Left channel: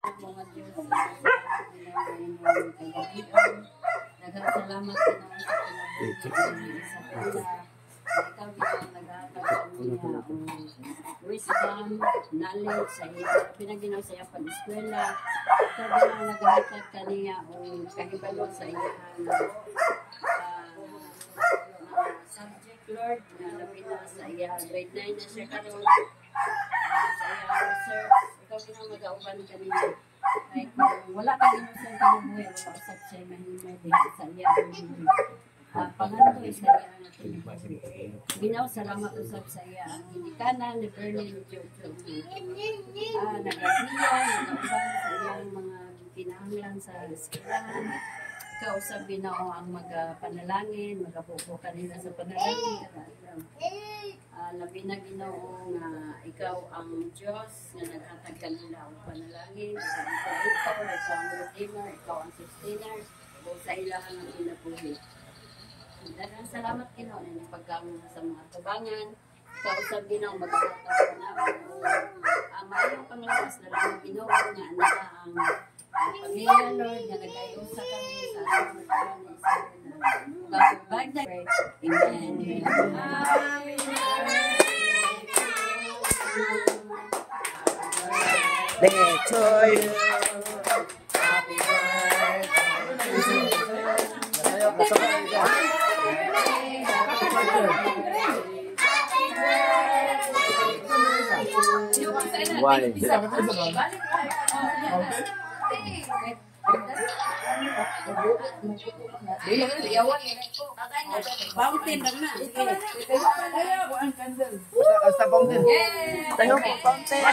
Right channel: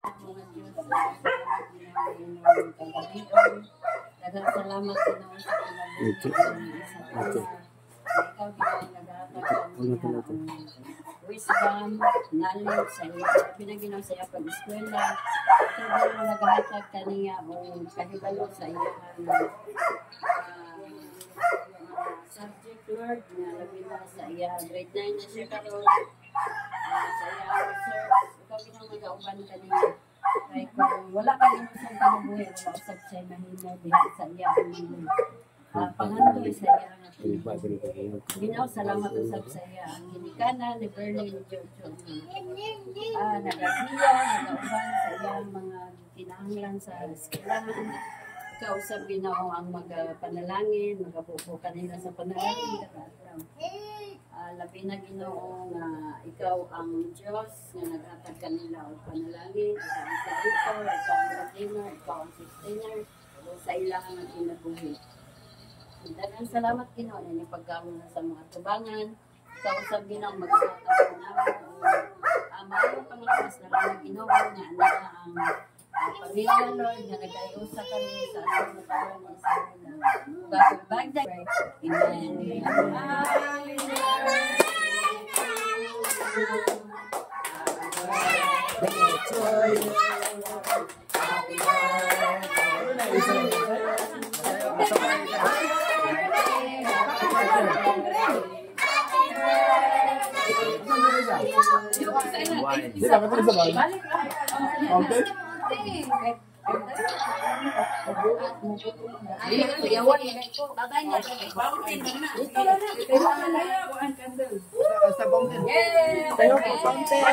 Mga Diyos, nagkasalamat ko na sa kinabuhi. Ikaw din nagkakaroon wisdom, knowledge sa iyo. Pinaginaw sa iyo pag-eskwela. Ikaw din naghahatag kaniya o kahibalo sa iyo subject, Lord, na labi na sa iyo. Grade 9 na siya karoon. Sa iyo, sir, ikaw din ang mag-auban kaniya. Kaya kung wala ka din sa kinabuhi, wala usap siya mahimay diha sa iyo. Panganto sa iya nga binaw, salamat usab sa iya ang ginikanan ni Berlin Jojo. Nagabiya, nagauban sa iyang mga kinahanglan sa eskwelahan. Kausap binaw ang magapanalangin, magabubo kanila sa panalangin. Labi na Ginoo nga ikaw ang Diyos nga naghatag kanila og panalangin. Ikaw ang redeemer, ikaw ang sustainer sa ilang ang kinabuhi. Daghang salamat Ginoo na pagkaon sa mga tubangan. Kausap Ginoo magkakaroon namin o mayong panglawas na lang Ginoo nga ana ang pamilya Lord nga nagayusa kami sa atong karon sa Bagong Bagday. Amen. Birthday to you. Happy birthday. Tengok fountain.